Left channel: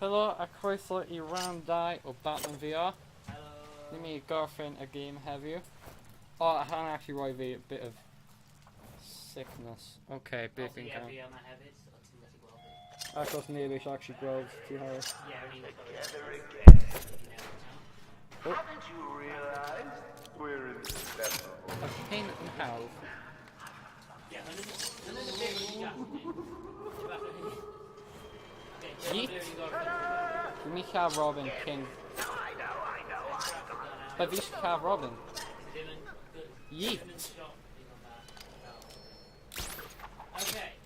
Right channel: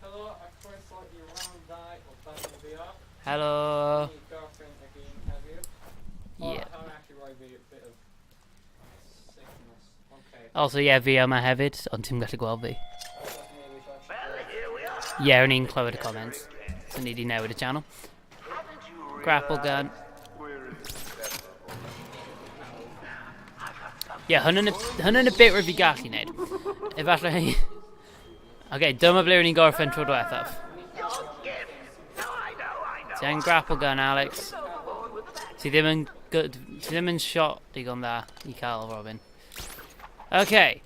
Hello, a croeso I randau o Batman VR. Helo. Ni gorffen y game heddiw. Oh, Yeah. hwnna actually roi fi a bit of sickness. Okay. Also, yeah, fi yma hefyd, ond ti'n gallu gweld fi. Achos ni wedi actually gweld. Yeah, o'n i'n clywed y comments. So ni wedi newid y channel. Grapple gun. Yeah, hwnna'n y bit rwy fi gallu neud. Efallai... Okay, dyma ble o'n i'n gorffen tro diwethaf. Ni cael Robin cyn. Ti'n grapple gun, Alex. Cael Robin. Ti ddim yn good... Ti ddim yn shot digon dda i cael Robin. Okay.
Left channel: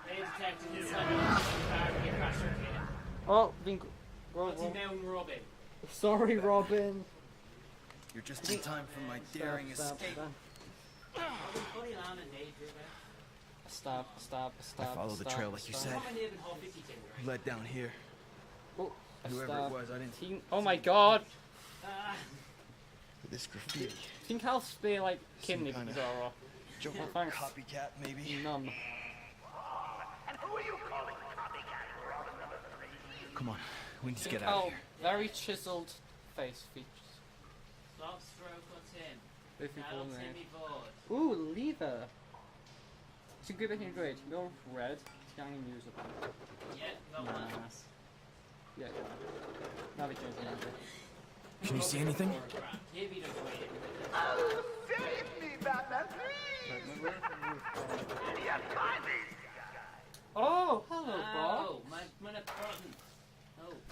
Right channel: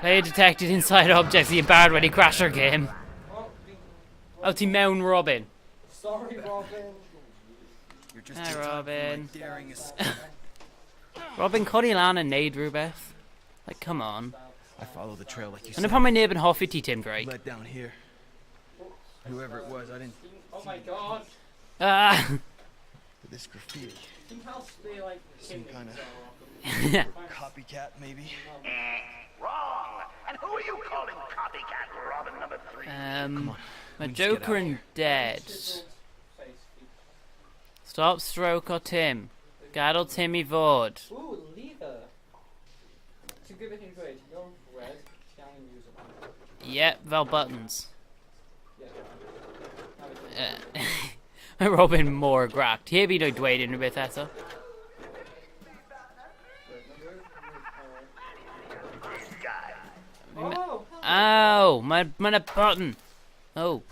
Player detected inside objects. The barred wedi crasho'r game. Oh, fi'n... Oh, ti mewn Robin. Sorry, Robin. You're just in time for my daring Robin, codi lan yn neud rhywbeth. Like, come on. I follow the trail like you Yna said. pan mae neb yn hoffi ti, Tim Drake. Let down here. Whoever it was, I didn't. Oh my god. Ah! This graffiti. Ti'n cael spray like Some cyn ni kinda- Yeah. Copycat, maybe? No, man. Wrong! And who are you calling copycat Robin number 3? Come on. Mae we need to get Joker out. yn dead. Chiseled face features. Stop stroke o Tim. Gadael Tim i fod. Ooh, lever. Ti'n gwybod hyn dweud, ti'n going red, ti'n angen music. Yep, fel buttons. Yeah. Na fi. Mae Robin mor grapt. Heb i dweud dweud unrhyw beth eto. Oh! Ow! Mae'n a button. Oh.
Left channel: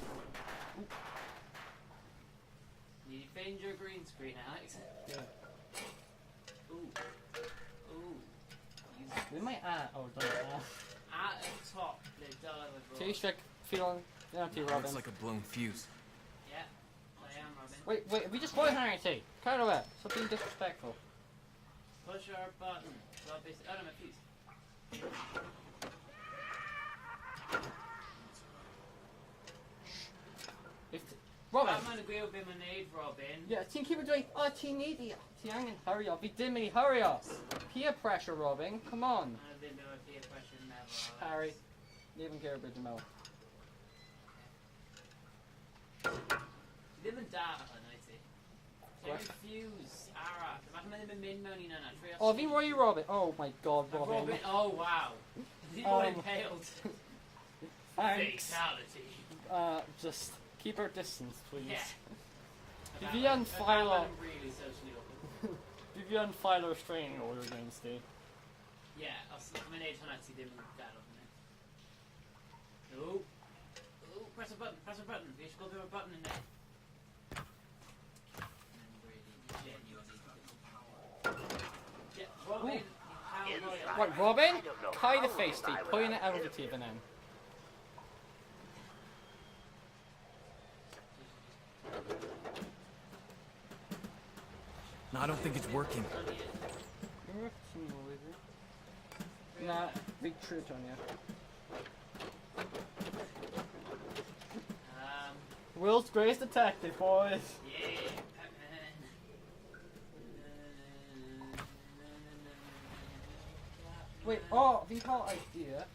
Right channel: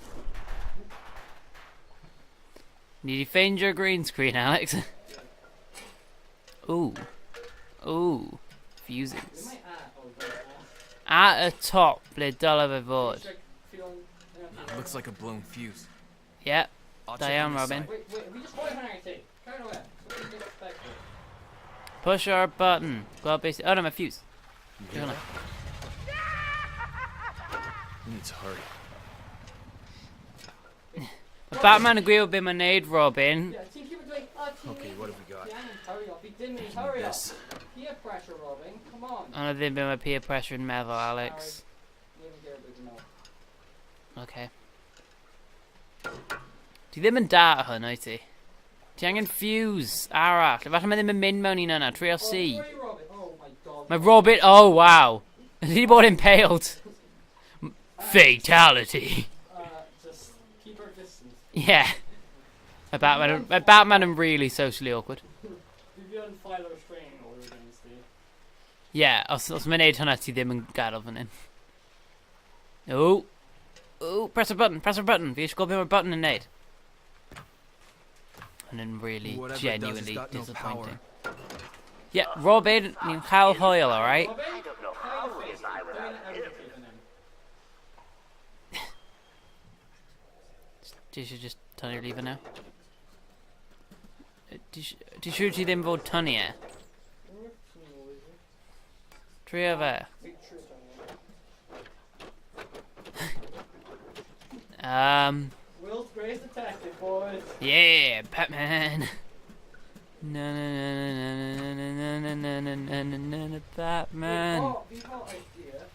Need to find your green screen, Alex. Ooh. Ooh. Fuses. Be mai oh, don't At y top, ble dylai fe fod. Looks like a blown fuse. Yep. I'll Da check iawn, on the Robin. side. Wait, we just boy hanging tea. Kind of away. Something disrespectful. Push our button. Gweld beth... Oh no, mae fuse. You need to hurry. Mae Batman yn gwybod beth mae'n neud, Robin. Yeah, ti'n keep doing. Oh, ti'n Okay, need. what have we got? Ti angen hurry up. Fi dim yn hurry up. Peer pressure, Robin. Come on. Ond ddim beth mae peer pressure yn meddwl, Harry, Alex. leave and get rid of the milk. Okay. Ti ddim yn da o hwn, o'i ti? Ti angen fuse arall. Falle mae ddim yn mynd mewn un yna. Trio Oh, C. who are you, Robin? Oh my god. Mae Robin... Oh, wow. Ydy bod impaled. Fatality. Just keep our distance. Yeah. Mae Batman yn really socially awkward. Did you unfile a restraining order against Steve? Yeah, os mae'n neud hwnna, ti ddim yn gadael fan hyn. Ooh. Ooh, press a button, press a button. Fi eisiau gweld beth mae'r button yn neud. And then really Whatever it does, genuinely it's got no disappointing. power. Yeah, Robin, ni'n cael hwyl, alright? Robin, don't know kind how of face can I Steve. Pwy'n without out him? of Steve and him. Ti eisiau just tynnu'r lever now? Ti siŵr ti ddim fod tynnu e? Trio fe. Big truth on you. World's greatest detective, boys. Yeah, Batman. Na na na na na na na na na na na na Batman. Oh, fi'n cael idea.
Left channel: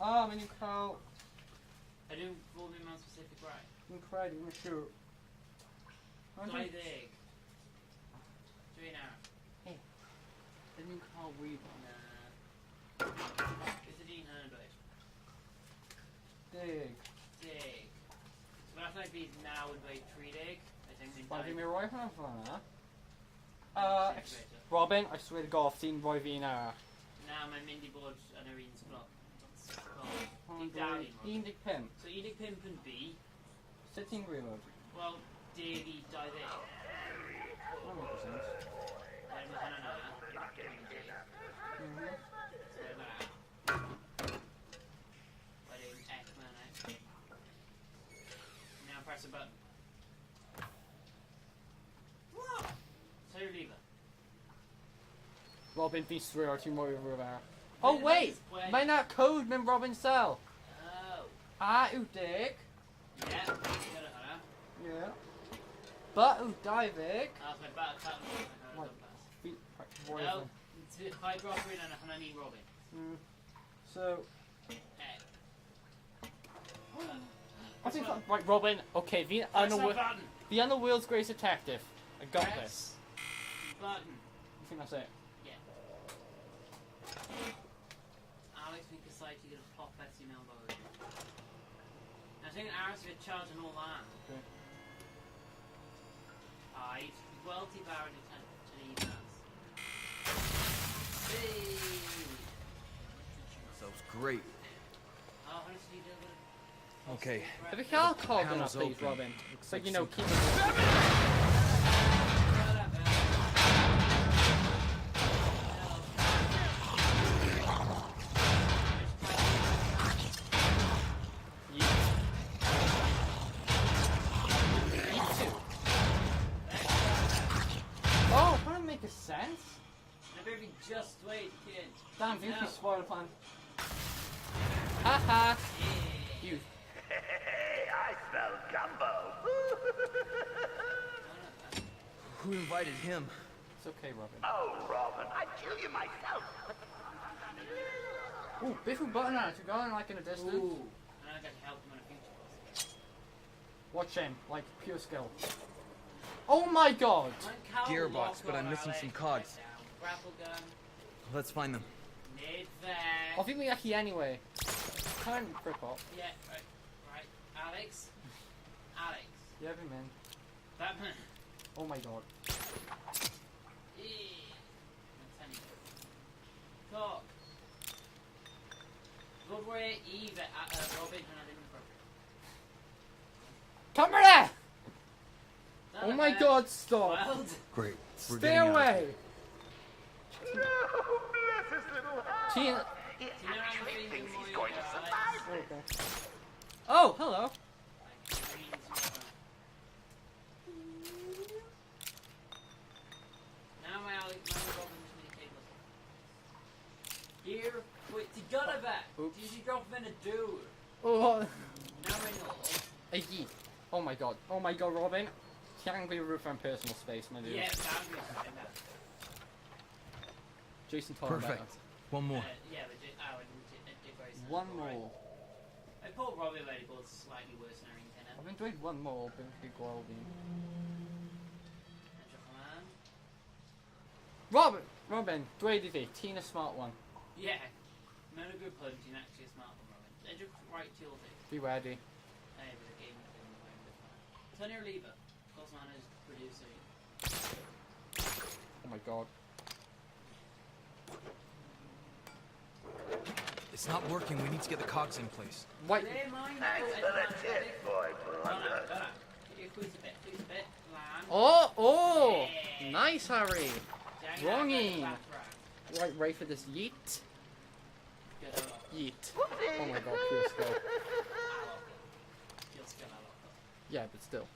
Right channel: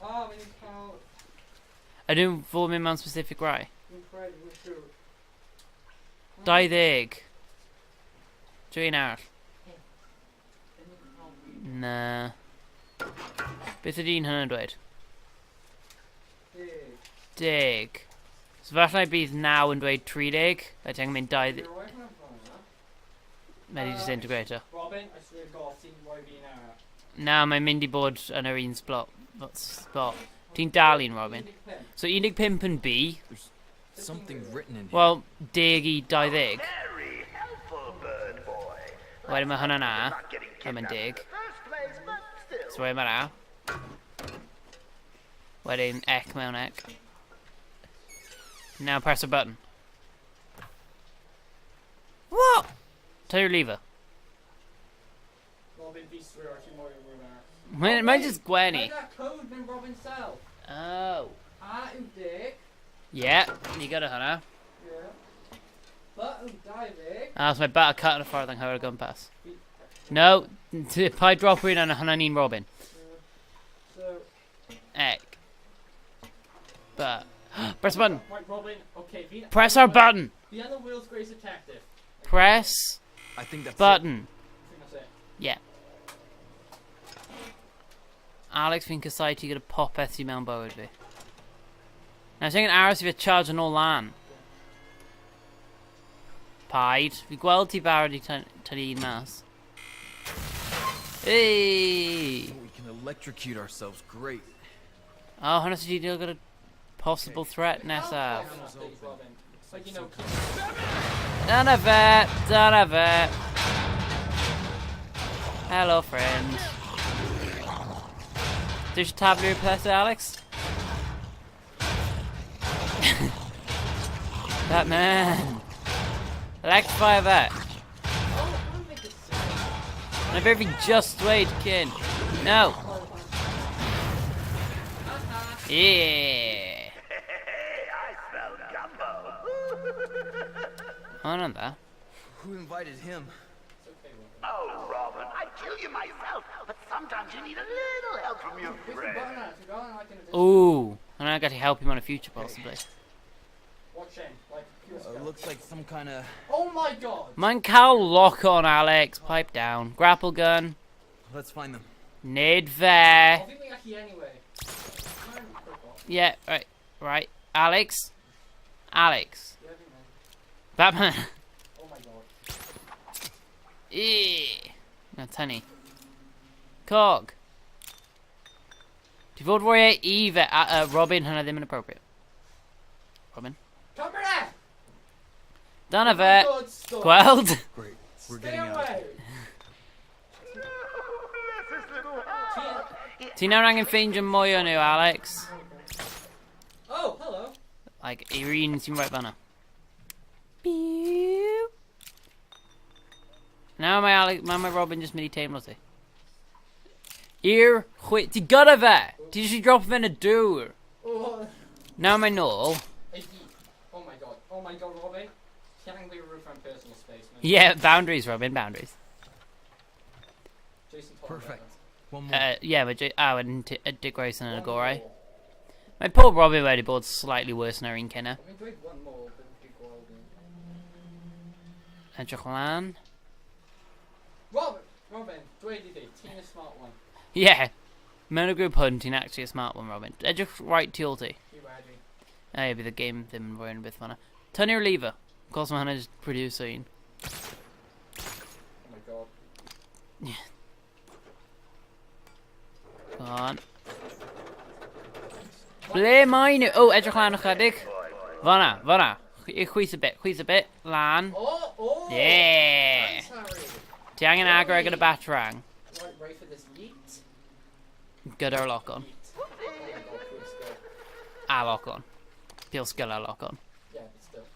Mae'n i'n cael... Ydyn fod mynd mewn specific rai? Fi'n credu, mae'n siŵr. 20. Dwi'n arall. Fi'n cael weed. Na. Beth ydy'n hynny'n dweud? Dig. 10. So falle bydd 9 yn dweud 30. A ti'n mynd 20. You're right on fanna. Mae di just integrator. Robin, I swear to God, ti'n rhoi fi na. Na, mae'n mynd i bod yn yr un spot. Ti'n dal un, Robin. 15. So 15 yn B. Something written in here. Wel, 10 i 20. Very helpful, bird boy. Wedyn mae hwnna na. A mae'n 10. First place, but still. So wedyn mae na. Wedyn ec mewn ec. Now press a button. What? Tell your lever. Robin, fi swear ti'n rhoi yn rhywbeth. Mae'n just gwenu. Mae'n na code mewn Robin cell. Oh. A yw dig. Yeah, you got it, hwnna. Yeah. Ba yw 20. Ah, so mae bat a cut yn y ffordd yng Nghymru gwmpas. No, pa drop un yn hwnna ni'n Robin. So, Ec. But press the button. Right, Robin. Okay, Press our button. Be on the wheels, Grace Detective. Okay. Press I think that's button. I think that's it. Yeah. Alex fi'n casau ti gyda popeth sy'n mewn bywyd fi. Nawr, sy'n aros I fi charge yn ôl lan. Paid. Fi gweld ti barod I tynnu un mas. Hey! We can electrocute ourselves. Great. Oh, hwnna sy'n deal gyda possible Okay. threat nesa. Panel's Please, open. Robin. Looks Like, like you know, Dyna fe! Dyna fe! Hello, friend. Did you tap your place, Alex? That man. Electrify that. oh, I'm gonna make a sound. And I very just wait, kid. No. Haha. Yeah. Hey, I smell gumbo. Oh, not that. Who invited him? It's okay, Robin. Oh, Robin, I'd kill you myself, but sometimes you need a little help from your There's a friend. button on it. You're going like in a distance. Ooh. And I got to help him on a future, possibly. Watch him, like pure It skill. looks like some kind of. Oh my god! Man, cow Here, lock on, listen to Alex. cops. Pipe down. Grapple gun. Let's find them. Need I there. think we actually anyway. Time to rip off. Yeah, right. Right. Alex. Alex. Yeah, man. Batman. Oh my god. Na tynnu. Cog. Di fod fwy I fe, Robin, hynna ddim yn appropriate. Robin. Come here! Dyna Oh my fe. god, stop! Gweld? Great. We're Stay getting out. away! No, bless his little heart. Ti nawr angen ffeindio mwy o nhw, Alex. Oh, hello! Like, yr un sy'n right fanna. Nawr mae Robin just mynd I teimlo ti. Ti gyda fe! Ti jyst I drop fe yn y dŵr. Oh, Nawr mae nôl. hey, oh my god, Robin. Ti angen be roof and personal space, man. Yeah, boundaries, Robin, boundaries. Jason told Perfect. One more. Yeah, mae wedyn Dick Grayson yn y gorau. More. Mae pob Robin wedi bod slightly worse na'r un cynna. I've enjoyed one more, but big quality. Edrych lan. Robin, dweud I fi, ti'n a smart one. Yeah. Mewn y grŵp hwn, ti'n actually a smart one, Robin. Edrych right tu ôl ti. Be ready. Ie, bydd y game ddim yn fwy yn byth fanna. Tynnu'r lever. Of course mae hwnna just producer un. Oh my god. Come on. It's not working. We need to get the cogs in place. Ble mae nhw? O, edrych lan ychydig. Fanna. Chwys a bit. Lan. Oh! Yeah. Nice, Harry! Ti angen agor gyda batarang. Right, ready for this yeet? Gyda'r lock on. Yeet. Oh my god, pure skill. A lock on. Peel skill a lock on. Yeah, but still.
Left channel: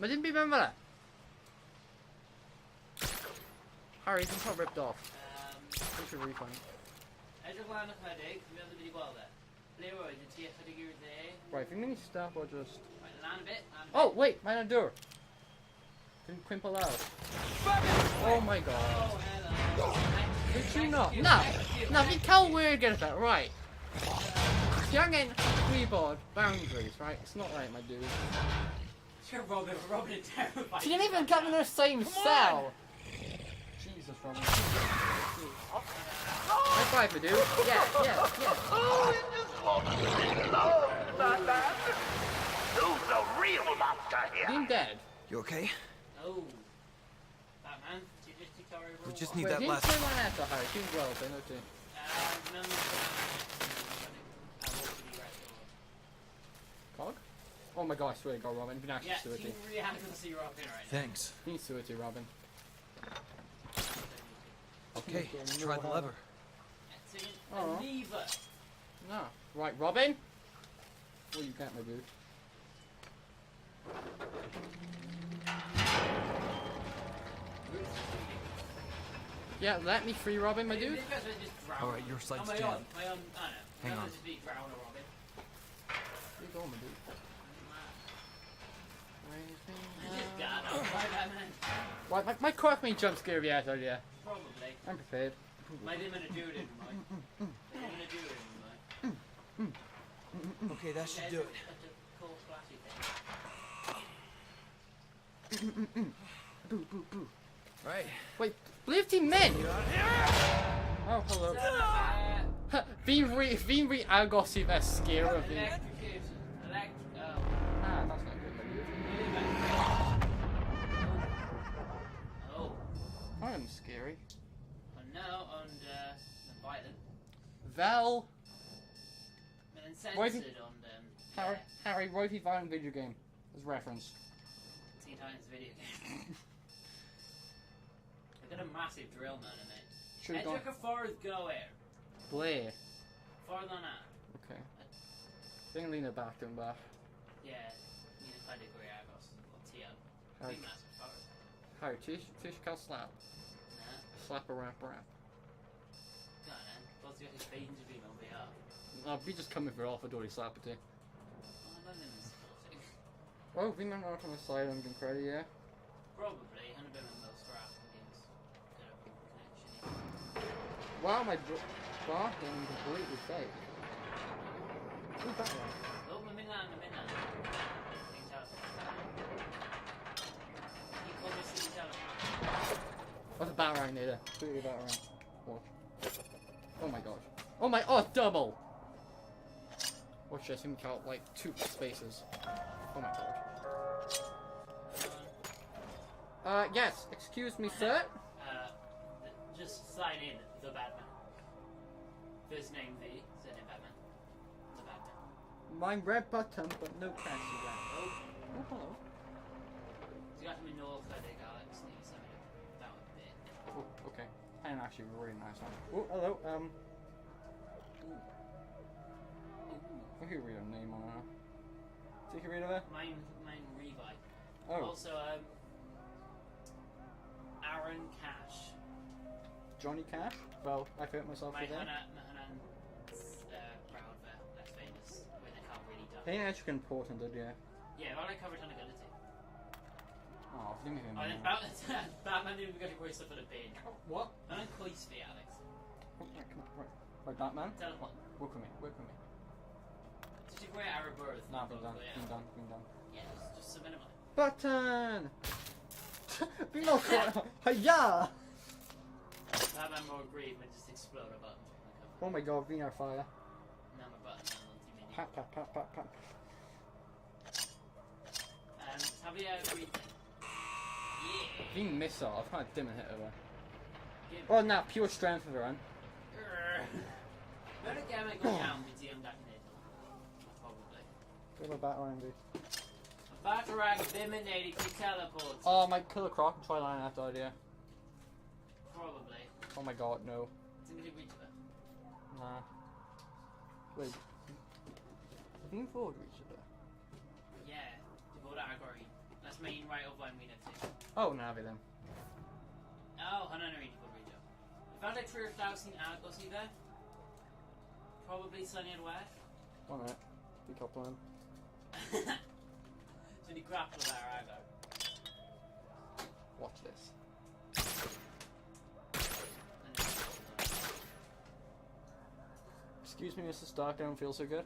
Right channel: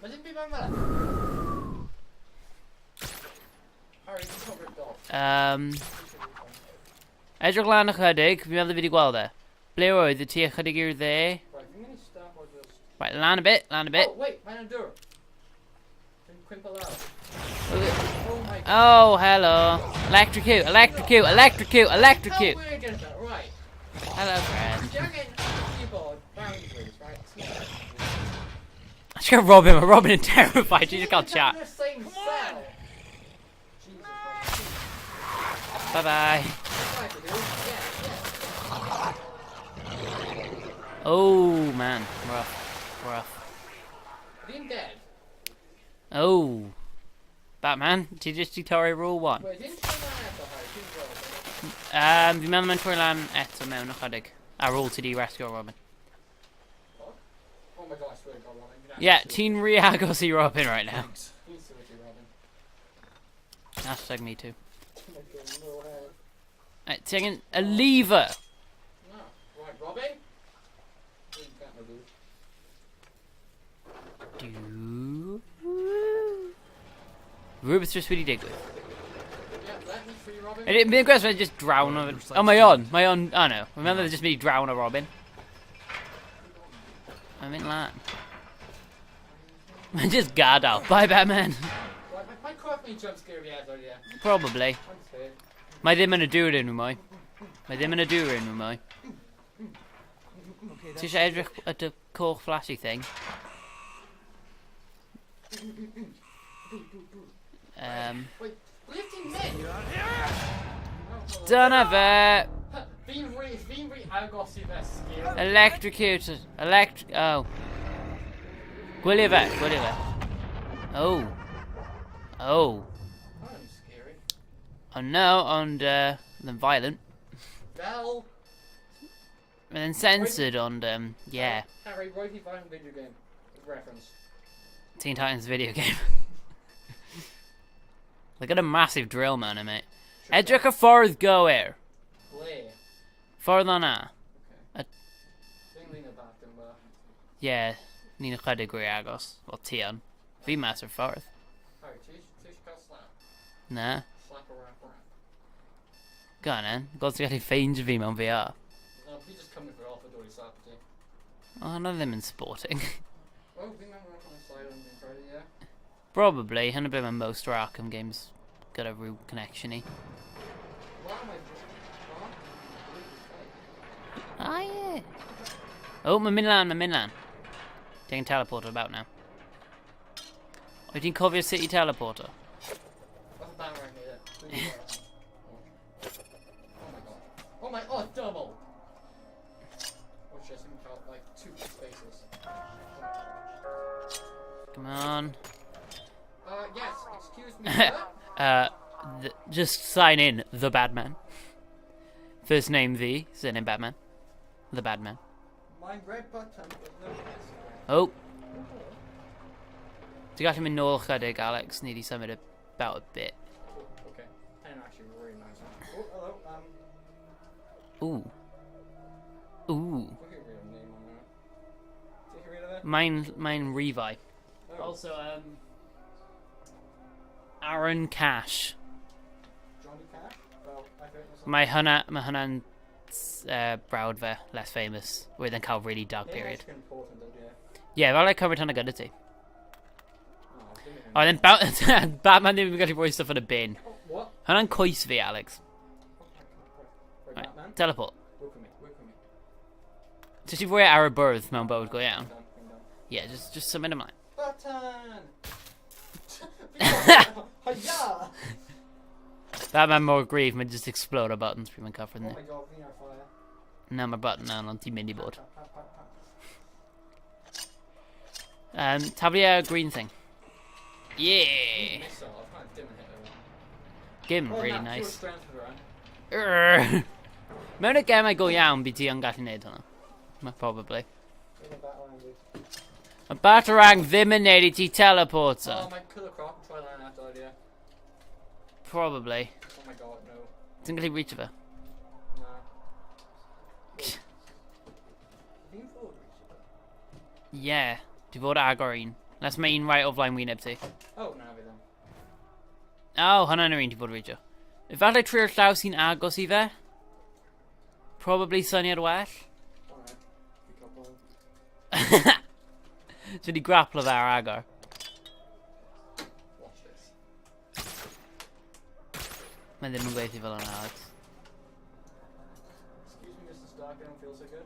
Ma didn't be remember that. Harry, this got ripped off. Such a refund. Edrych lan ychydig. Fi'n meddwl fi wedi gweld e. Ble oedd y ti ychydig i'r dde? Right, fi'n mynd I stop or just... Right, lan a bit. Oh, wait, mae'n door. Fi'n cwympo lawr. Oh my god. Oh, hello. Electrocute. That's how we're getting that, right. Hello, friend. Young and keyboard boundaries, right? It's not that, my dude. I just got Robin and terrified. You just can't You're in chat. the same cell. Jesus, Robin. Bye-bye. Right, we do. Yeah. Oh, man. Being dead. You okay? Oh. Batman, ti just di torri rule Just 1. need Wait, that didn't last- someone eto, Harry? Dwi'n gweld, I'm making... Fi'n meddwl mae'n trwy lan eto mewn ychydig. Ar ôl ti di rescue Robin. Cog? Oh my god, I swear to God, Robin. You've been Yeah, actually ti'n re-agos I Robin right now. Thanks. Need to it, Robin. Hashtag me too. Okay, try the lever. Ti angen y lever. No. Right, Robin? Well, you can't, my dude. Rhywbeth just wedi digwydd. Yeah, let me free Robin. Mi'n gwrs fe just drawn o... Alright, your Oh, sight's mae done. on. Oh no. Mae'n meddwl just mynd I drawn o Robin. Mae'n mynd lan. Mae'n just gadael. Bye, Batman. Right, my correct me jump scare yet, oh yeah. Probably. I'm prepared. Mae ddim yn y dŵr unrhyw mwy. Mae ddim yn y dŵr unrhyw mwy. Okay, Ti that's eisiau edrych at y coch flashy thing? Wait, leave ti'n mynd! Oh, hello. Dyna fe! Fi'n rhi agos i fe sgil. Electrocuted. Oh. Ah, that's it. Gwylio fe, gwylio fe. Oh. Oh. I'm scary. Oh no, ond, then violent. Fel! And then censored on, yeah. Harry, roi fi violent video game. As reference. Teen Titans video game. They got a massive drill man in it. Edrych y ffordd gywir. Ble? Ffordd o'na. Okay. Fi'n lean it back yn bach. Yeah, ni'n ychydig gwy agos. Wel, ti on. Fi mas o'r ffordd. Harry, ti's cael slap? Na. Slap a rap. Go on then. God ti'n gallu ffeindio fi mewn VR. No, fi just coming for off a door i slap a ti. Oh, no ddim yn sporting. Oh, fi'n mewn Arkham Asylum fi'n credu, yeah. Probably. Hyn y bit mae most o'r Arkham games got a root connection-y. Wow, my dog and blue is fake. Ah, yeah. Oh, mae'n mynd lan. Taking teleporter about now. Wyt ti'n cofio City Teleporter? What's a bat right near there? Oh my god. Oh my, oh, double! Watch this, you can count like 2 spaces. Oh my god. Come on. Yes, excuse me, sir? Just sign in, the Badman. First name the, surname Batman. The Badman. My red button, but no press. Oh. Ti'n gallu mynd nôl chydig, Alex? Ni di symud about a bit. Oh, okay. And actually really nice one. Oh, hello, Ooh. Ooh. we can read a name on that. So you can read it? Mine Revi. Oh, Also, Aaron Cash. Johnny Cash? Well, I hurt myself. Mae hwnna'n brawd fe, less famous, wedd yn cael really dark They period. actually important, yeah. Yeah, fel like covered hwnna gyda ti. Oh, give me Oh, then Batman ddim yn gallu rhoi stuff yn y bin. Oh, what? Hwnna'n coes fi, Alex. Right, Right, Batman? teleport. Work with me. Ti si fwy ar y bwrdd mewn bywyd go iawn. Bring down. Yeah, just symud ymlaen. Button! Hiya! Batman mor gryf, mae'n just explode o buttons pryd mae'n cyffred Oh ni. my god, fi'n ar fire. Na, mae'r button na, ond ti'n mynd i bod. Pat. Taflu y green thing. You Yeah! miss off, I dim and hit her. Gym, Oh, really nah, pure nice. strength of her own. Mewn y gemau go iawn, bydd ti yn gallu neud hwnna. Probably. Give a bat around it. Mae Batarang ddim yn neud I ti teleporter. Oh, my killer croc and try line after idea. Probably. Oh my god, no. Ti'n gallu reach fe? No. Wait. Fi'n ffordd reach it? Yeah. Di fod agor un. Nes mae un right o flaen wyneb ti. Oh, na fi ddim. Oh, hwnna'n yr un ti fod reachio. Efallai trwy'r llaw sy'n agos I fe? Probably syniad well. Alright. Fi top line. So di grapplo fe ar agor. Watch this. Mae ddim yn gweithio fel yna. Excuse me, Mr. Stark, I don't feel so good.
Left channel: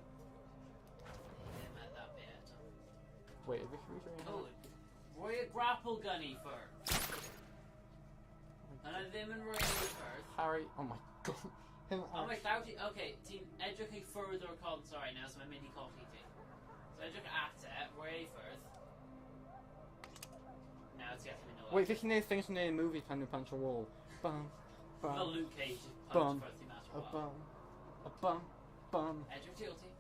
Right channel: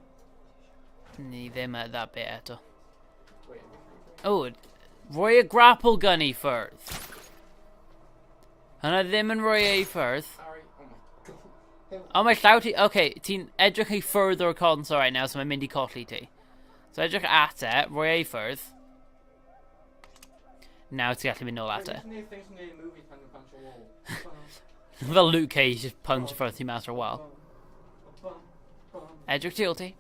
Ni ddim at that bit eto. Wait, Oh, rhoi y grapple gun I ffwrdd. Hynna ddim yn rhoi ei ffwrdd. Harry, oh my god. O, mae llaw ti... Okay, ti'n edrych I ffwrdd o'r console right now, so mae'n mynd I colli ti. So edrych at e, rhoi ei ffwrdd. Now ti'n gallu mynd nôl Wait, at e. isn't there things in the movie time to punch a wall? Bum, Fel Luke Cage, just punch Bum. ffwrdd ti mas o'r wal. Bum. Edrych ti ôl ti.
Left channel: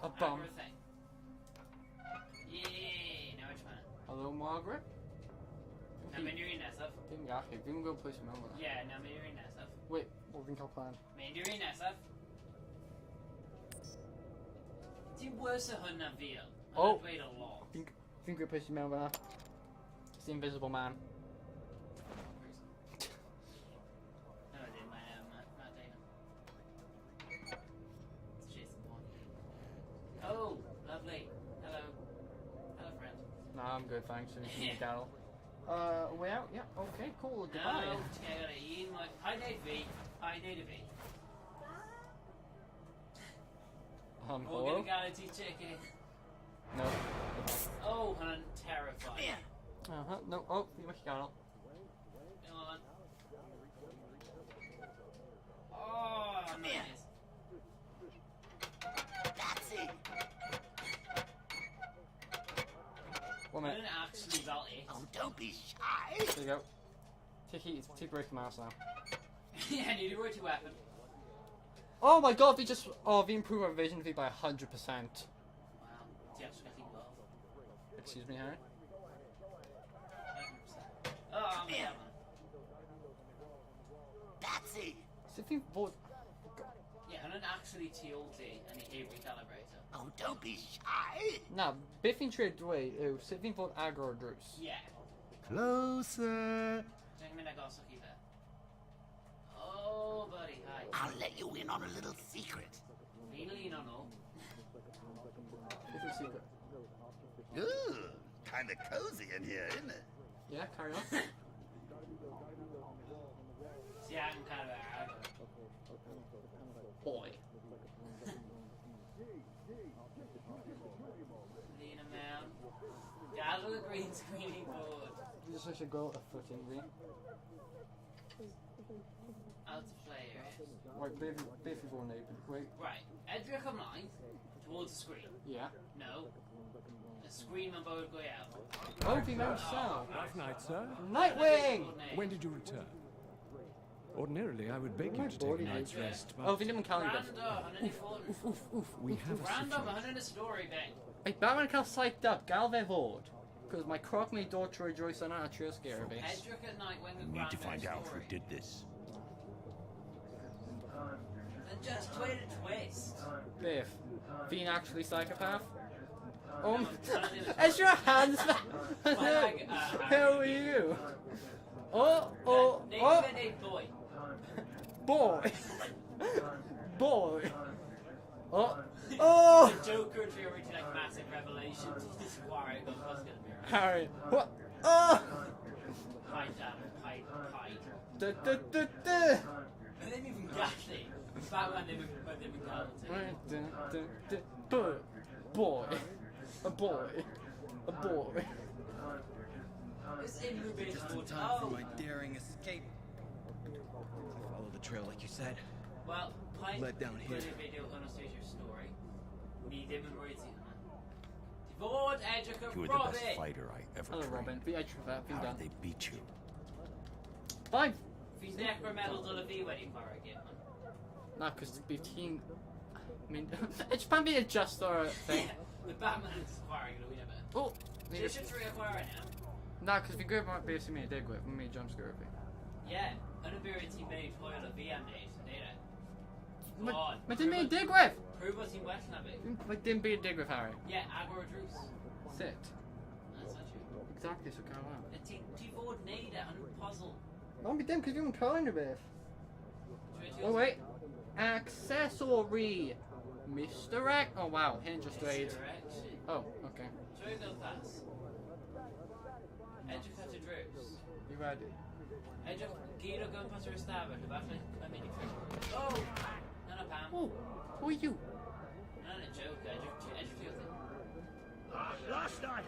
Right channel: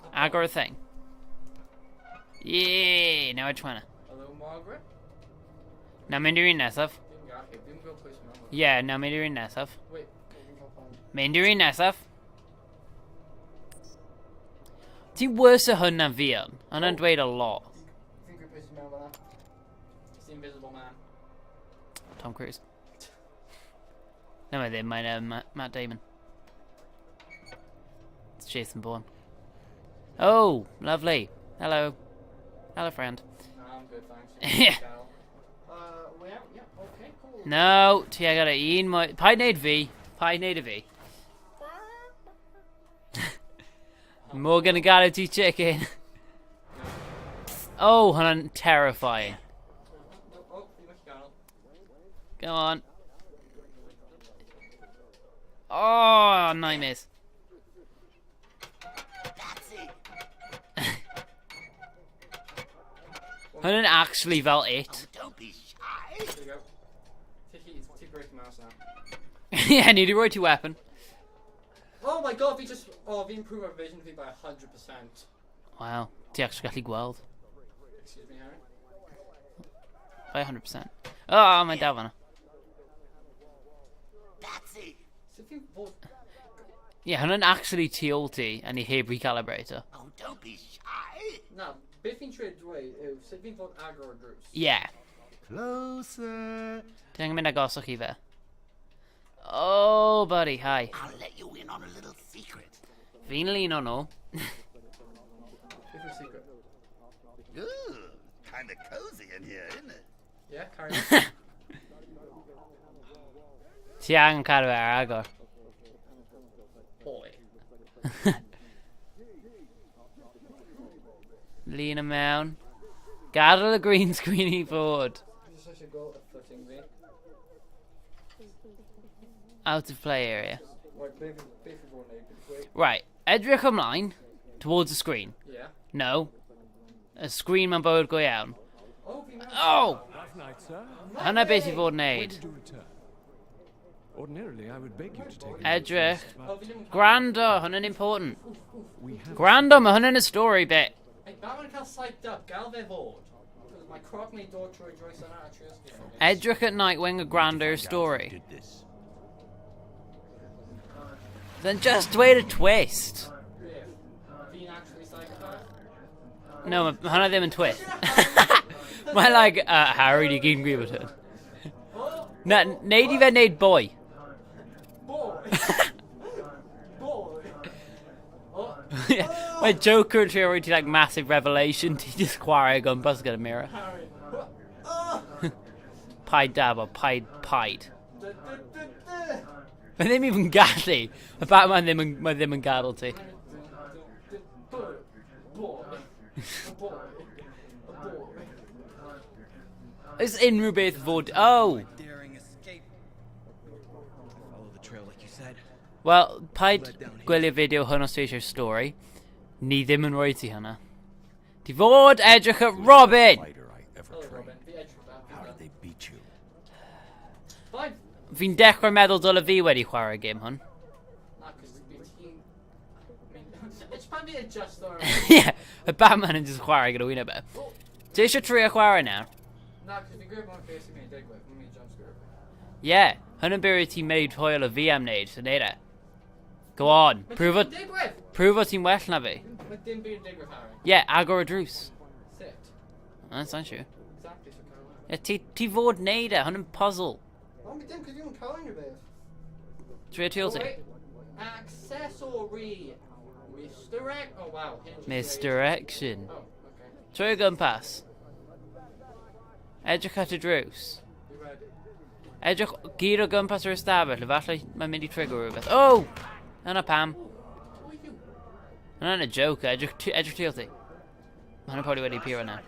A bum. Agor y thing. Yeah, now edrych hwnna. Hello, Margaret? Now mynd i'r un nesaf. Fi'n gallu, fi'n go play some other. Yeah, now mynd i'r un nesaf. Wait, what fi'n cael plan? Mynd i'r un nesaf. Ti'n worse o hwn na fi yn. Hwnna'n Oh. dweud a lot. Fi'n gwybod sy'n mewn fan'na. It's the Invisible Man. Tom Cruise. No, mae ddim, mae'n Matt Damon. It's Jason Bourne. Oh, lovely. Hello. Hello, friend. Nah, I'm good, thanks. Yeah. Carol. We out? Yeah, okay, cool. No, ti a gyda un mwy... Paid neud fi. Paid neud y fi. Morgan and Galaxy chicken. No. Oh, hon, terrifying. No. Oh, you must count. Come on. Oh, nightmares. Hon actually felt it. Oh, don't be shy. There you go. Take break the mouse now. Yeah, need to rotate your weapon. Oh my god, we improved our vision by 100%. Wow, ti actually gallu gweld. Excuse me, Harry. By 100%. Oh, my dad. Patsy. Sut fi'n fod... Yeah, hwn actually TLT and he heb recalibrator. Oh, don't be shy. Na, beth fi'n trio dweud yw, sut fi'n fod agor y drws? Yeah. Closer. Ti'n angen mynd agosach i fe. Oh, buddy, hi. I'll let you in on a little secret. Fi'n lun o'n o. Beth yw'r secret? Ooh, kind of cozy in here, isn't it? Yeah, carry on. Ti angen cadw fe ar agor. Boy. Lean o mewn. Gadael y green screen i fod. Fi jyst eisiau gweld y footing fi. Out of play area. Right, beth fi'n fod yn neud? Wait. Right, edrych ymlaen towards the screen. Yeah. No. Y screen ma'n bywyd go iawn. Oh, fi'n meddwl... Oh! Good night, sir. Hwna beth i fod yn When neud. did you return? Ordinarily, I would beg you to take a Edrych. look first, Oh, but fi ddim yn cael... Gwrando, hwnna'n important. we have Gwrando, mae hwnna'n y story bit. Ei, Batman cael psyched up, gael fe fod. Because my croc may door to rejoice yna a trio scare fi. Edrych at night when a grander story. Did this. Then just wait a twist. Beth? Fi'n actually psychopath? No, mae hwnna ddim yn twist. Edrych hand... Mae'n like, Harry, di gyd yn gwybod hyn. Oh, Na, neud i fe neud boi. Boy. Boy. Oh. Mae Joker yn trio roi ti like massive revelation. Ti just chwarae o gwmpas gyda mirror. Harry. What? Oh. Paid dab o, paid. Du. Mae ddim even gallu. Y Batman ddim yn gadael ti. Boy. A boy. A boy. It's unrhyw beth fod... Oh! Daring escape. Follow the trail like you said. Wel, paid gwylio fideo hwn os ti eisiau'r stori. Ni ddim yn rhoi ti hynna. Ti fod edrych at Robin! Fighter I ever Hello, trained. Robin. Fi edrych o fe. How did they beat you? Fine. Fi'n dechrau meddwl dyle fi wedi chwarae gêm hwn. Na, cos bydd ti'n... It's pan fi'n adjust o'r... Yeah, y Batman yn just chwarae gyda wyna be. Oh. Ti eisiau trio chwarae nawr? Na, cos fi'n gwybod beth sy'n mynd i digwydd. Fi'n mynd i jumpscare fi. Yeah, hwn yn byr i ti'n meid hwyl o fi am wneud, so neud e. Go on, Mae prove dim byd yn digwydd! o ti'n well na fi. Mae dim byd yn digwydd, Harry. Yeah, agor y drws. Sit. That's not true. Exactly, so cael awr. Yeah, ti fod neud e, hwn yn puzzle. No, fi dim, cos fi'n cael unrhyw beth. Trio ti ôl ti. Wait. Accessory. Misdirect. Oh, wow. Hinge is Misdirection. Oh, okay. Trio gwmpas. Edrych at y drws. You ready? Edrych gyd o gwmpas yr ystafell, efallai mae'n mynd i trigger rhywbeth. Oh! Yna pam. Oh, who are you? Yna'n y joke, edrych ti ôl ti. Mae hwnna probably wedi appear yna.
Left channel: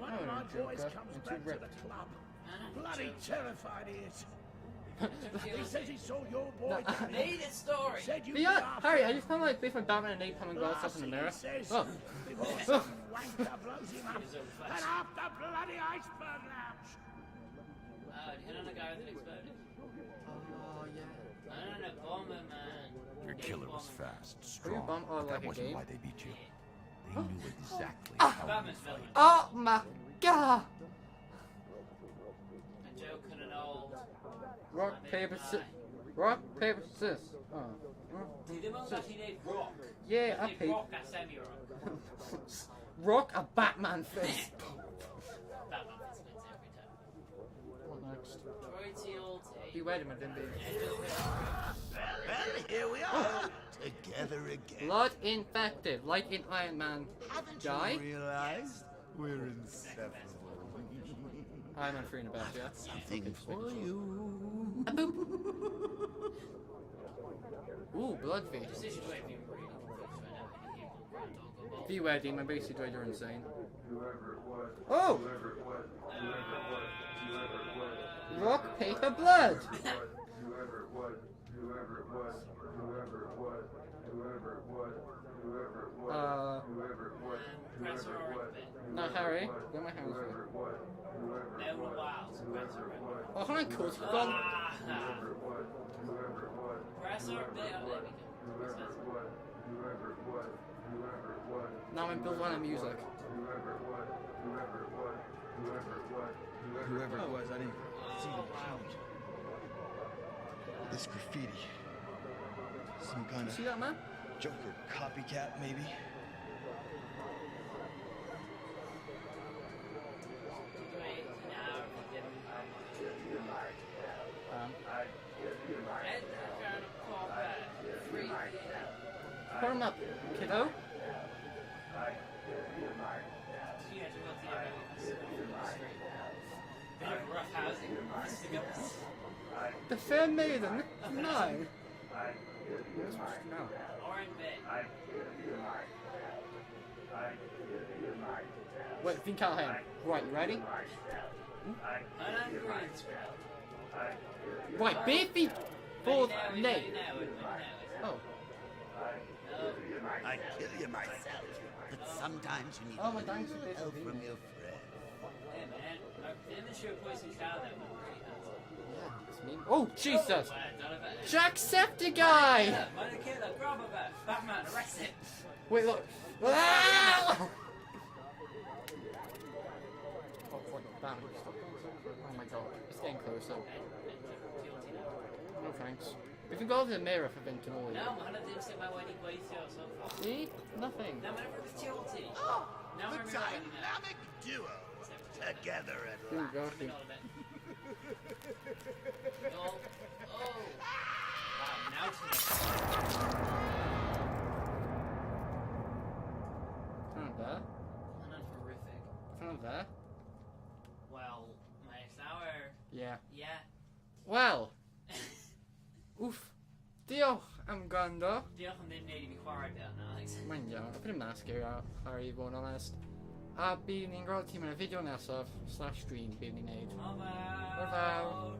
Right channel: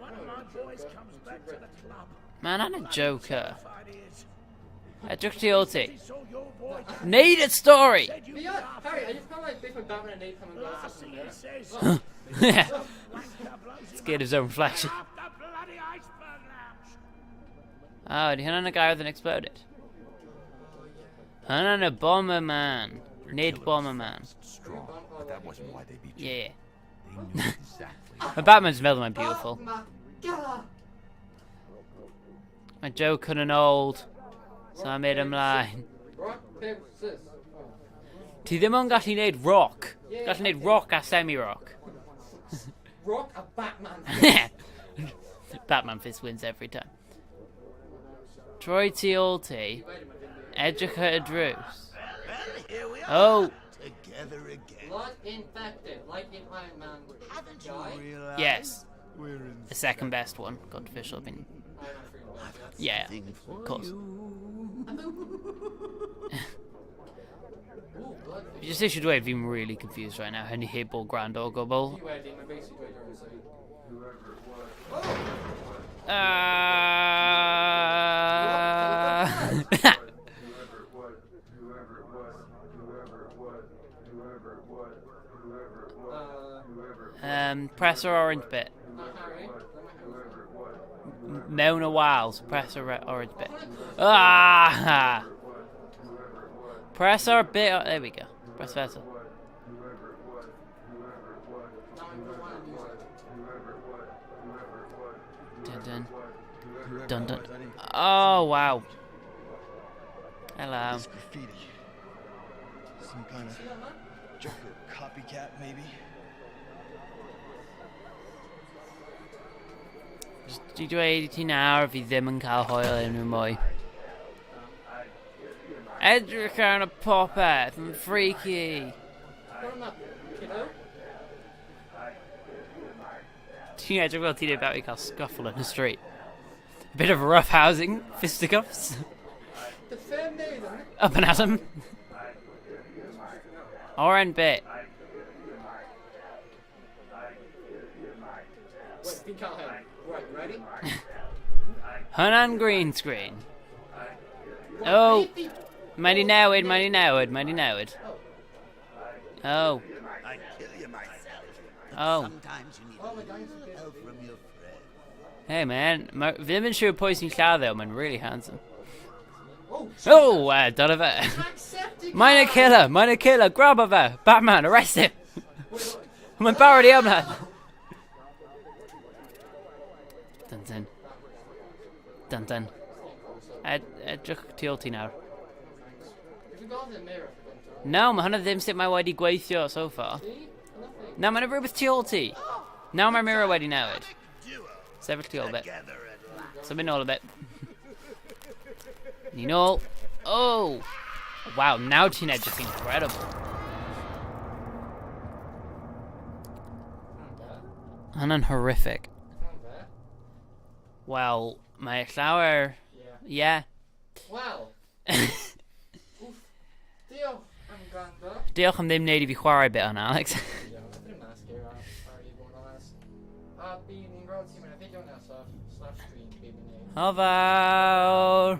One of my boys comes back to the club. Mae hwnna'n y joke. Terrified he is. Edrych ti ôl ti. He saw your boy die. Neud y stori! Said you'd be Yeah, after Harry, I him. just found like beth mae Batman yn neud pan mae'n gweld Last stuff in thing the he mirror. says. Oh. Yeah. Some wanker blows him Scared up. his own reflection. Up the bloody iceberg lounge. Oh, di hwnna'n y guy oedd yn exploded. Hwnna'n y bomber man. Nid Killer bomber was man. fast, strong, but that wasn't why they beat you. Yeah. They knew exactly. Mae Batman's meddwl mae'n Oh beautiful. my god! Mae joke yn old. So I made him lie. Rock, paper, scissors. Oh. Ti ddim yn gallu neud rock. Yeah, Gallu neud okay. rock a semi-rock. Rock a Batman fist. Batman fist wins every time. Troi ti ôl ti. Edrych at y drws. Well, here we are. Oh. Together again. Blood infected, like in Iron Man. Haven't Guy? you realized? Yes. We're in The second best one. Got official opinion. Iron Man 3 in the best, yeah. Yeah. something for course. you. Ooh, bloodfish. Just issue dweud fi'n really confused right now. Hynny heb o gwrando o gwbl. DIWEDD, mae basically dweud you're insane. Oh! Press yr orange bit. No, Harry. Mewn a while, so press yr orange Oh, bit. hwnna'n cool. Ah! Press our bit. There we go. Press better. Now I'm building on music. Dun dun. Whoever Dun it dun. was, I didn't. Oh wow. Hello. This graffiti. Some kind of See that, man? Joker copycat, maybe. Dwi dweud i ti nawr fi ddim yn cael hwyl unrhyw mwy. Edrych ar y popeth yn freaky. Put him up, kiddo. Ti'n edrych fel ti'n about i cael scuffle in the street. Bit of rough housing, fisticuffs. The fair maiden. Up and at 'em. Orange bit. Wait, fi'n cael hyn. Right, you ready? Hwnna'n green screen. Right, Oh. beep, beep. Mae'n i newid, mae'n i newid, mae'n i newid. Oh. I'd kill you myself. But Oh. sometimes you need Oh, a my little God. help from your friend. Hey man, fi ddim yn siŵr pwy sy'n lladd mae'n really handsome. Oh, Jesus. Oh, dyna fe. Jacksepticeye! Mae'n y killer, grab o fe. Batman, arrest him. Wait, look. Mae'n barod i yma. Dun dun. Dun dun. It's getting closer. Edrych tu ôl ti nawr. No thanks. If you go to the mirror for Vinto. No, mae hwnna ddim sut mae wedi gweithio so far. See? Nothing. Na, mae'n rhywbeth tu ôl ti. Nawr mae'r mirror wedi newid. Duo. Sefyll tu ôl bit. Together at last. So mynd nôl a bit. Ni nôl. Oh! Wow, nawr ti'n edrych incredible. Not there. Hwnna'n horrific. Not there. Wel, mae llawer... Yeah. Yeah. Well. Oof. Diolch am gwrando. Diolch am ddim wneud i fi chwarae bit hwnna, Alex. Dwi'n ddim na scary ar i fod yn honest. A bydd ni'n gweld ti mewn y fideo nesaf / stream bydd ni'n neud. O fawr!